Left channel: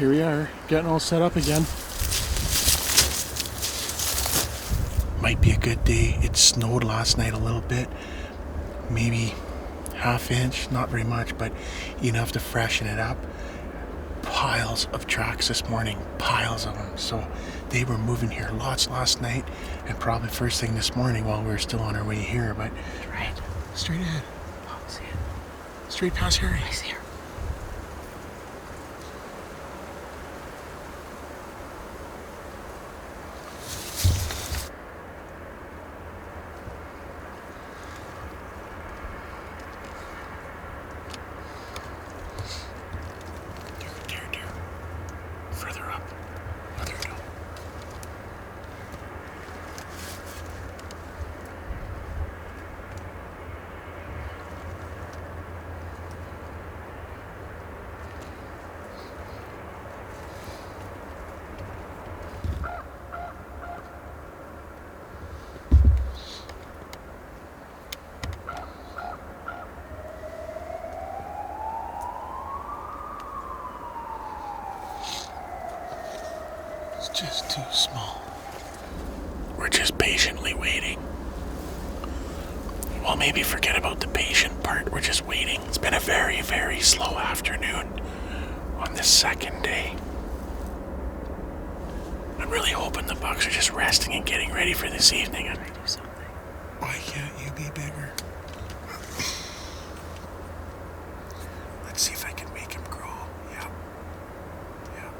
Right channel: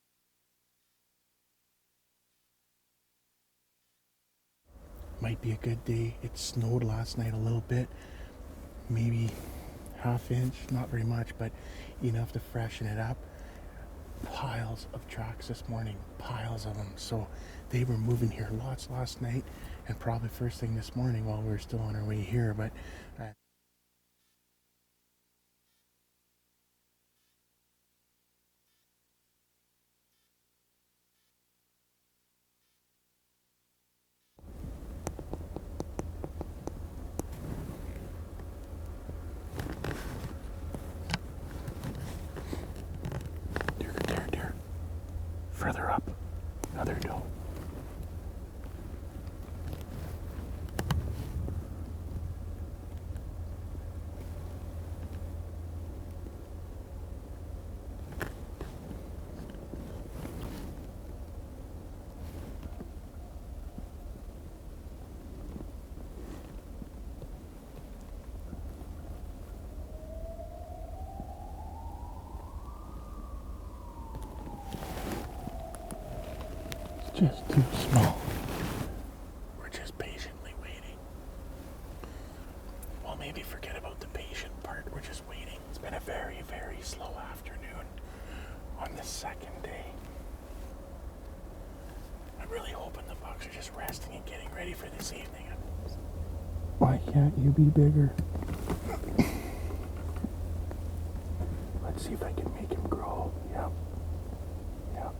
here we are, getting all set up again. Might be a good day. It snowed last night a little bit, maybe half inch, not very much, but enough to freshen it up. Piles of tracks this morning, piles of them. So they were moving here lots last night, and probably first thing this morning while we were still on our way here. But Right. Straight ahead. Oh, I see it. Straight past Harry. I see her. Deer. Further up. Oh, there we go. It's just too small. We're just patiently waiting. Well, maybe forget about the patient part. We're just waiting. It's been a very, very slow afternoon on this second day. I'm really hoping the bucks are just resting and getting ready for this evening. Can I do something? Why can't you be bigger? Let's see if I can make him grow. Yep. Yep.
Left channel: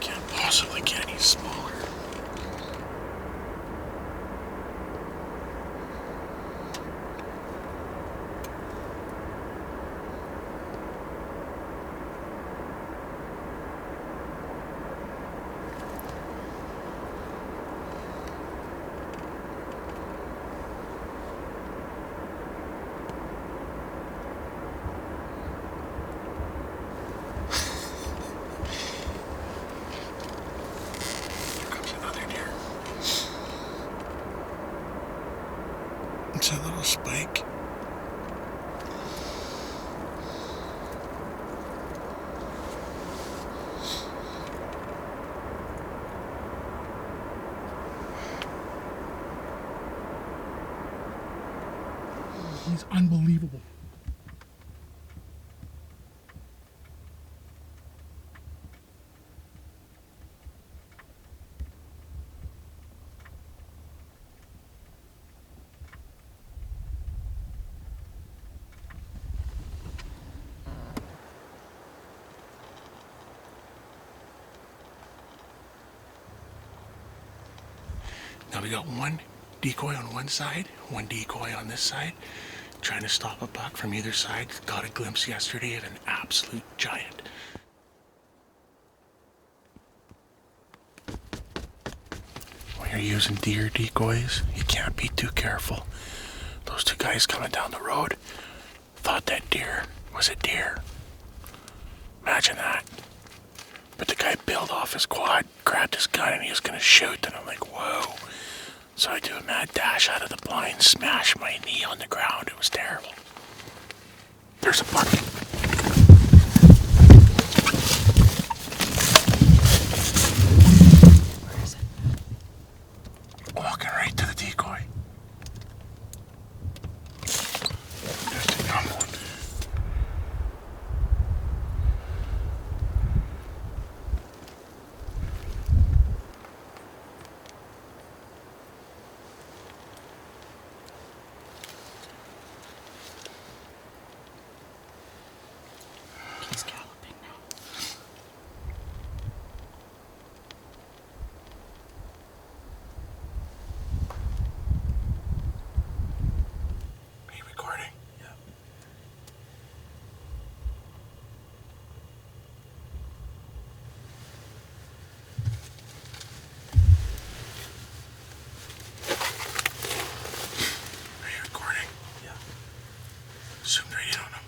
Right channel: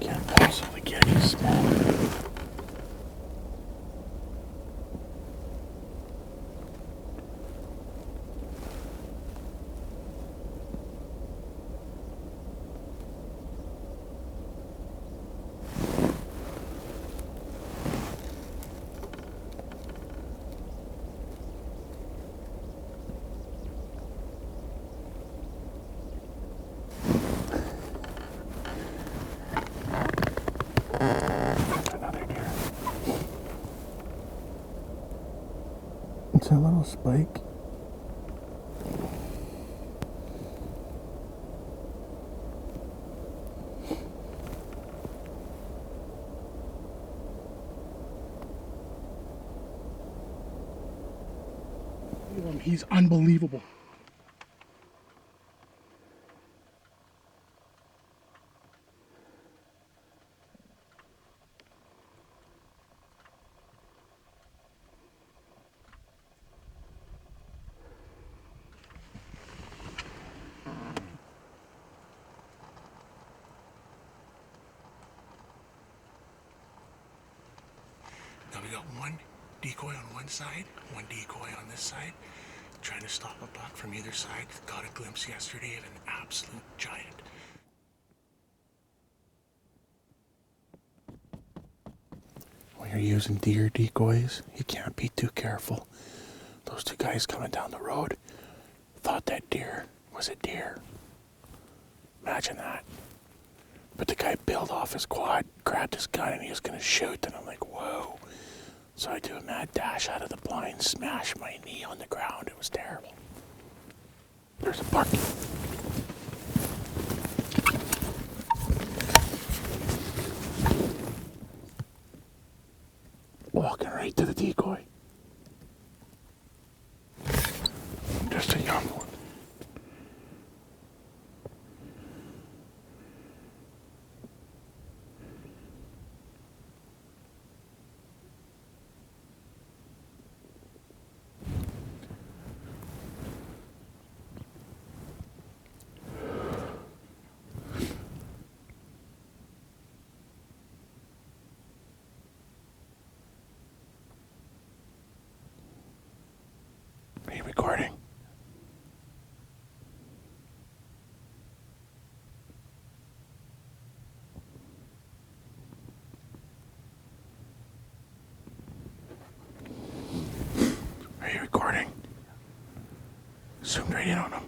Can't possibly get any smaller. That's another deer. It's a little spike. He's unbelievable. Now we got one decoy on one side, one decoy on this side, trying to stop a buck from either side. Got a glimpse yesterday of an absolute giant. When you're using deer decoys, you can't be too careful. Those two guys coming down the road thought that deer was a deer. Imagine that. But the guy peeled off his quad, grabbed his gun, and he was going to shoot, and I'm like, whoa. So I do a mad dash out of the blind, smash my knee on the ground. It was terrible. There's a buck. Where is it? Walking right to the decoy. Just a young one. He's galloping now. Are you recording? Yeah. Are you recording? Yeah. Zoomed right in on him.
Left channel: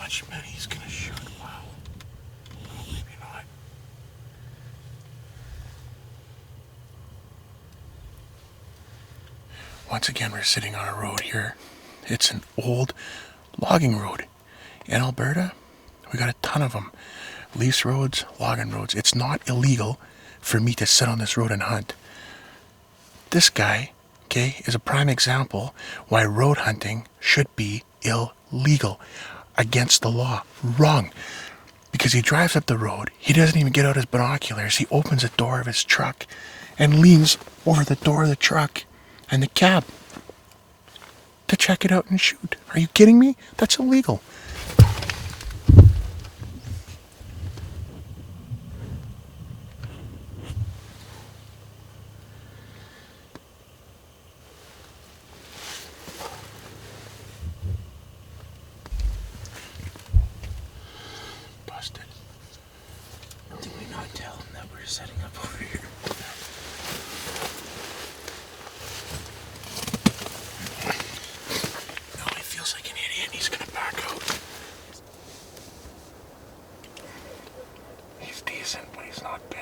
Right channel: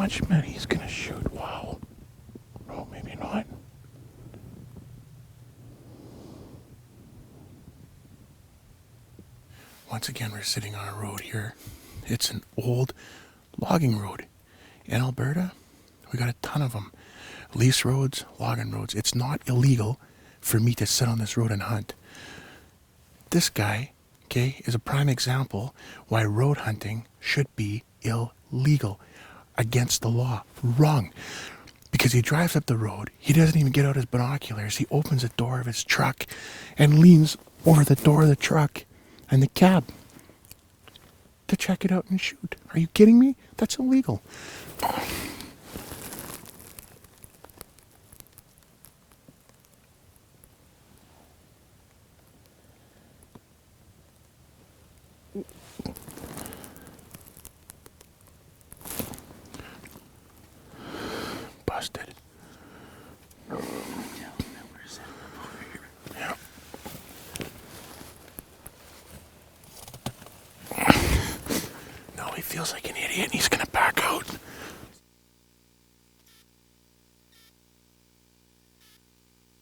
much meat he's gonna shoot. Wow. Oh, maybe not. Once again, we're sitting on a road here. It's an old logging road. In Alberta, we got a ton of them. Lease roads, logging roads. It's not illegal for me to sit on this road and hunt. This guy, okay, is a prime example why road hunting should be illegal, against the law. Wrong. Because he drives up the road, he doesn't even get out his binoculars. He opens the door of his truck and leans over the door of the truck and the cab to check it out and shoot. Are you kidding me? That's illegal. Busted. Did we not tell him that we're setting up over here? Yeah. Now he feels like an idiot and he's gonna back out. He's decent, but he's not big.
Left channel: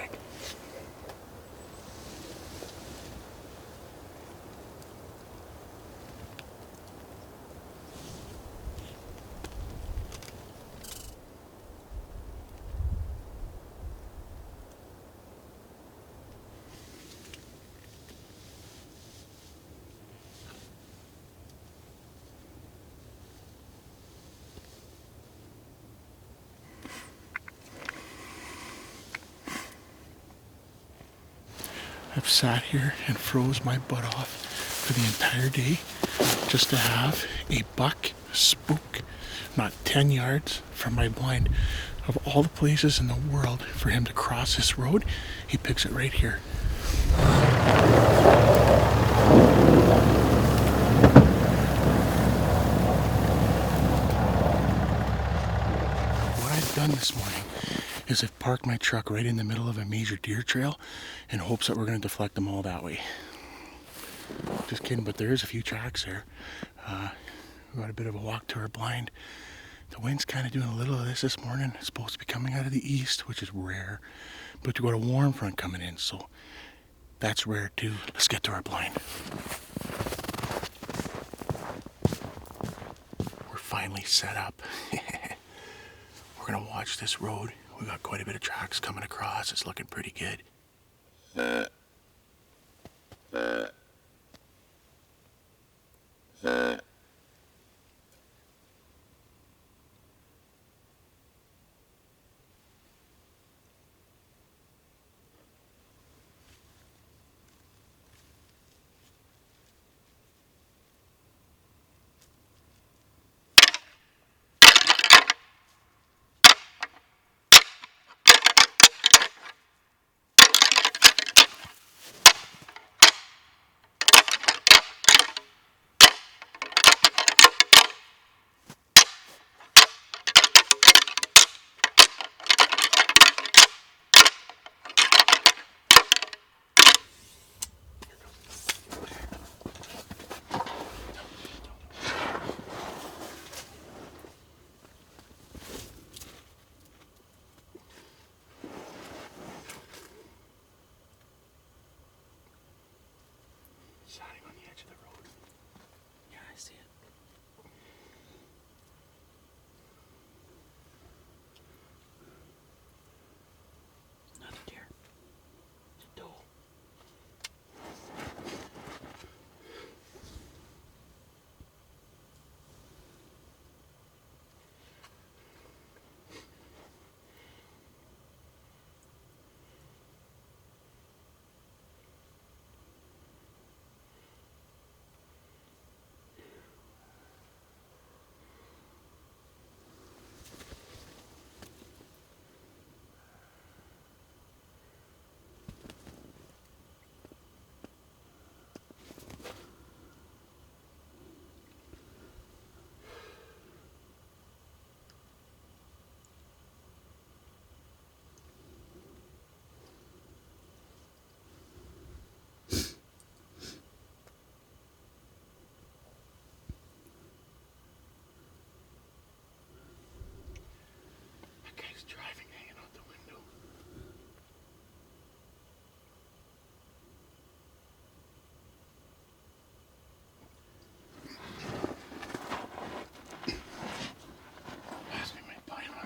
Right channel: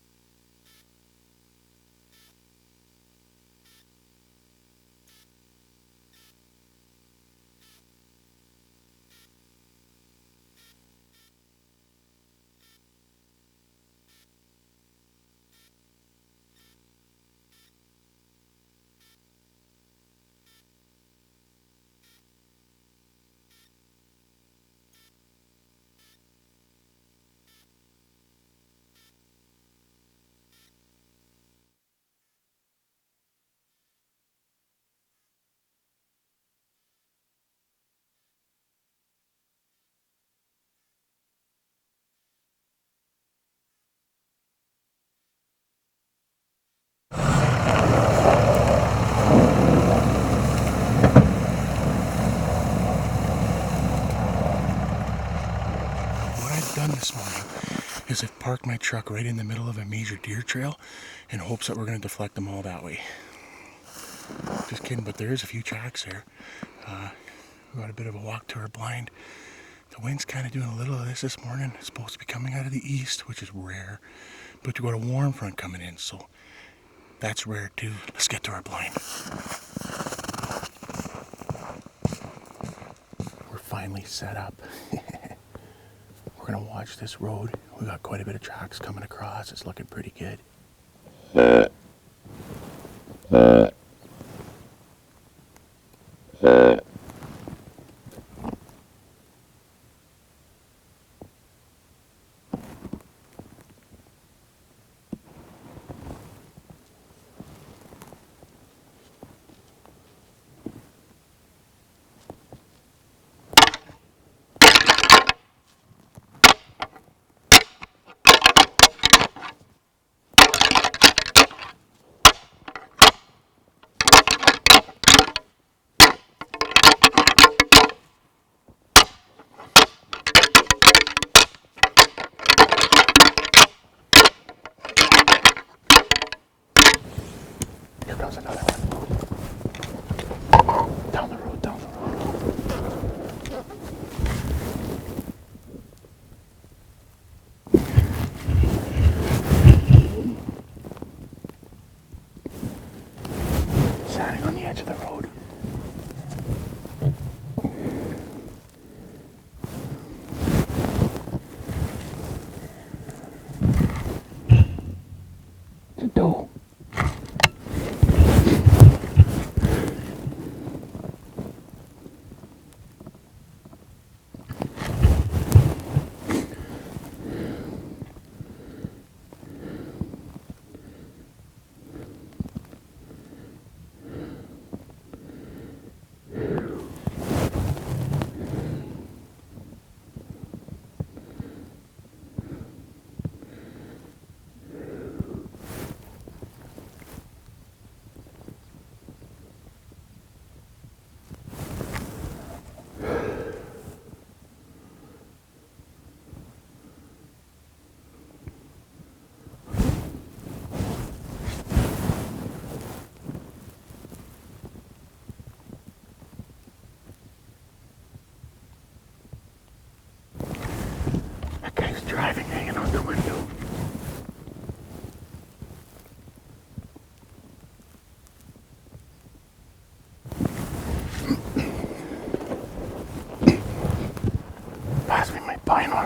I've sat here and froze my butt off for the entire day just to have a buck spook not 10 yards from my blind. Of all the places in the world for him to cross this road, he picks it right here. What I've done this morning is I've parked my truck right in the middle of a major deer trail in hopes that we're going to deflect them all that way. Just kidding, but there is a few tracks there. We got a bit of a walk to our blind. The wind's kind of doing a little of this morning. It's supposed to be coming out of the east, which is rare, but you got a warm front coming in, so that's rare too. Let's get to our blind. We're finally set up. We're gonna watch this road. We got quite a bit of tracks coming across. It's looking pretty good. Here comes another one. Down the road, down the road. Standing on the edge of the road. It's a doe.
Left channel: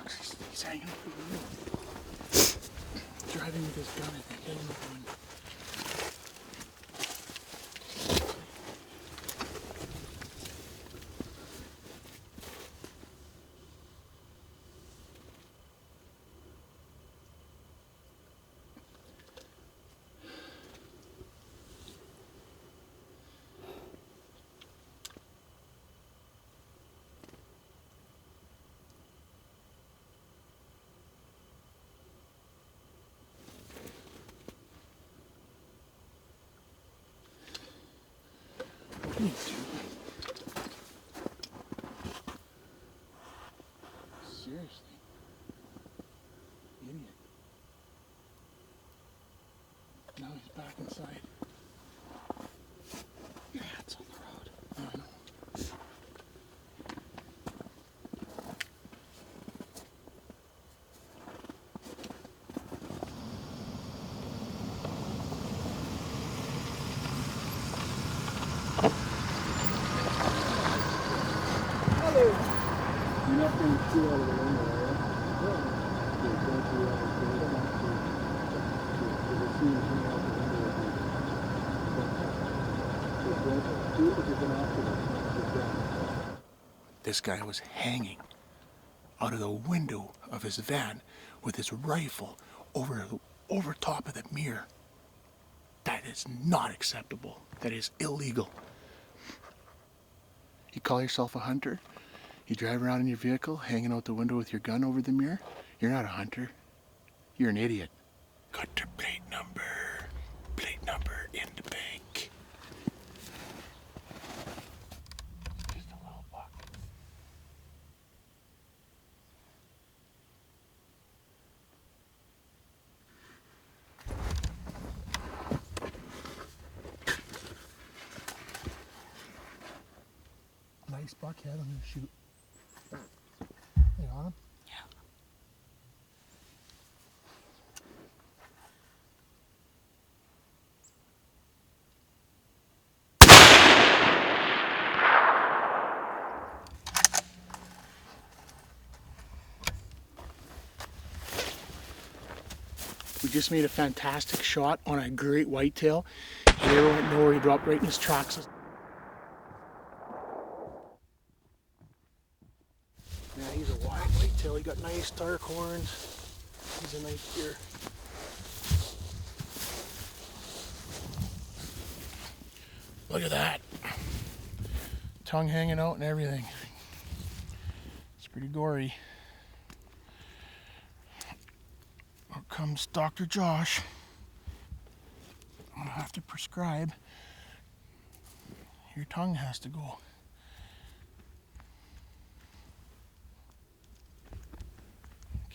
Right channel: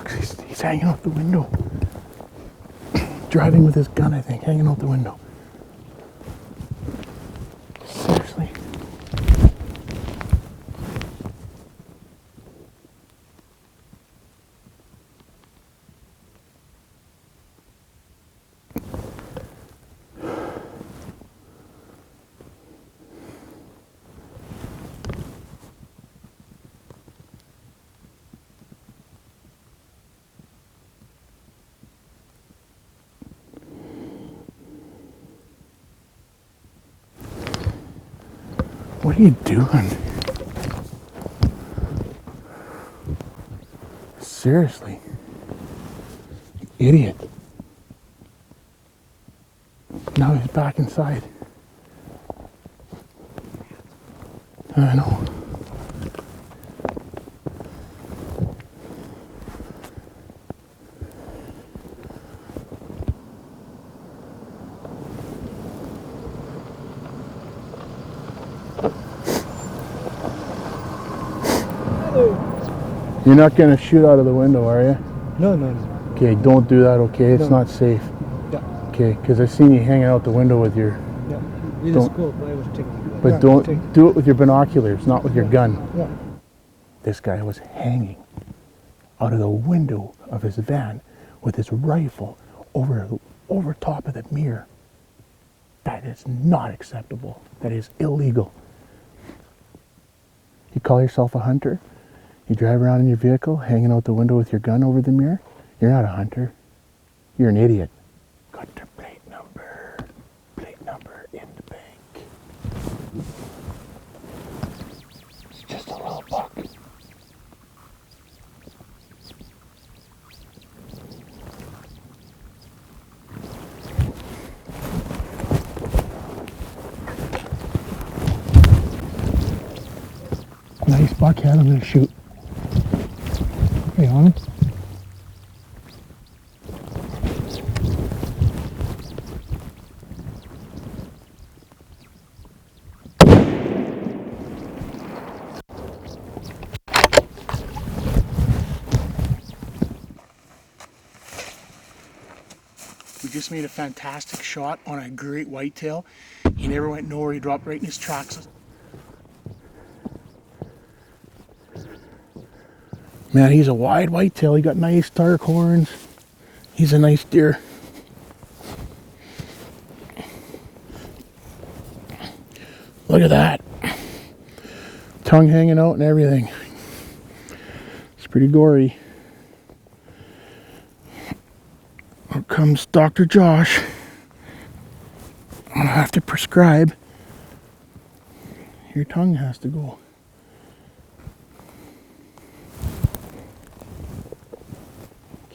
bucks. He's hanging out the window. Driving with his gun, I think, hanging out the window. Seriously. What are you doing? Seriously. You idiot. Now he's back inside. I know. You're not going to shoot out of the window, are you? No, no. Okay, don't do that, okay? It's No. not safe. Yeah. Okay, because I seen you hanging out the window with your... Yeah. We Don't- just go, but I was taking it. But Yeah, don't take- do it with your binoculars, not with your gun. Yeah. This guy was hanging out of the window of his van with his rifle over top of the mirror. That is not acceptable. That is illegal. You call yourself a hunter? You drive around in your vehicle, hanging out the window with your gun over the mirror? You're not a hunter. You're an idiot. Got your plate number. Plate number in the bank. It's just a little buck. Nice buckhead, I'm gonna shoot. Hey, on him. We just made a fantastic shot on a great whitetail. He never went nowhere, he dropped right in his tracks. Man, he's a wide whitetail. He got nice dark horns. He's a nice deer. Look at that. Tongue hanging out and everything. It's pretty gory. Here comes Dr. Josh. I'll have to prescribe. Your tongue has to go.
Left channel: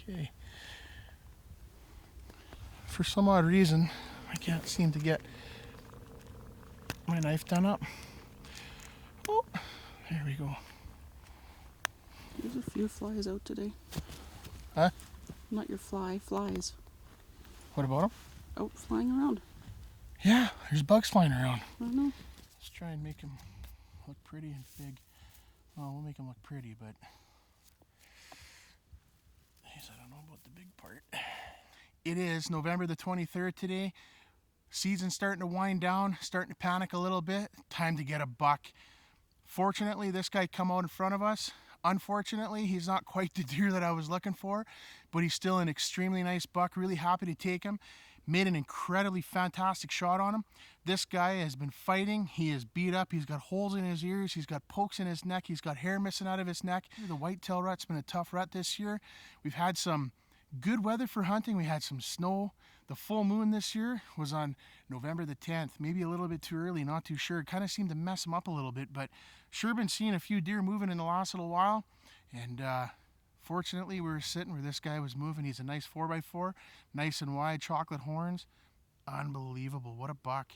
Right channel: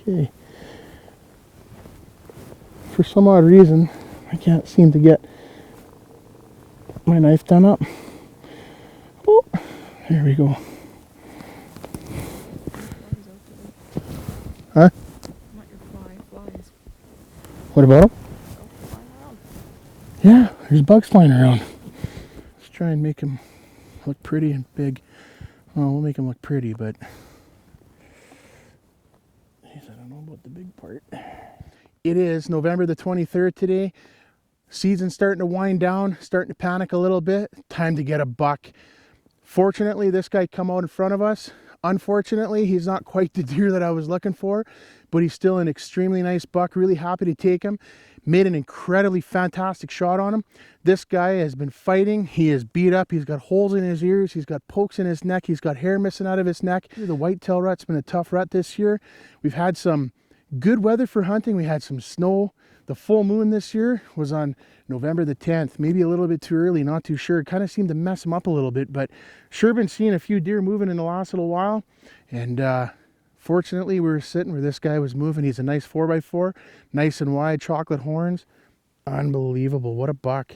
Okay. For some odd reason, I can't seem to get my knife done up. Oh, there we go. Your flies out today. Huh? Not your flies. What about them? Out flying around. Yeah, there's bugs flying around. Let's try and make them look pretty and big. Well, we'll make them look pretty, but I don't know about the big part. It is November the 23rd today. Season's starting to wind down, starting to panic a little bit. Time to get a buck. Fortunately, this guy come out in front of us. Unfortunately, he's not quite the deer that I was looking for, but he's still an extremely nice buck. Really happy to take him. Made an incredibly fantastic shot on him. This guy has been fighting. He is beat up. He's got holes in his ears. He's got pokes in his neck. He's got hair missing out of his neck. The whitetail rut's been a tough rut this year. We've had some good weather for hunting. We had some snow. The full moon this year was on November the 10th. Maybe a little bit too early, not too sure. It kind of seemed to mess him up a little bit, but sure been seeing a few deer moving in the last little while. And fortunately, we were sitting where this guy was moving. He's a nice 4x4, nice and wide, chocolate horns. Unbelievable. What a buck.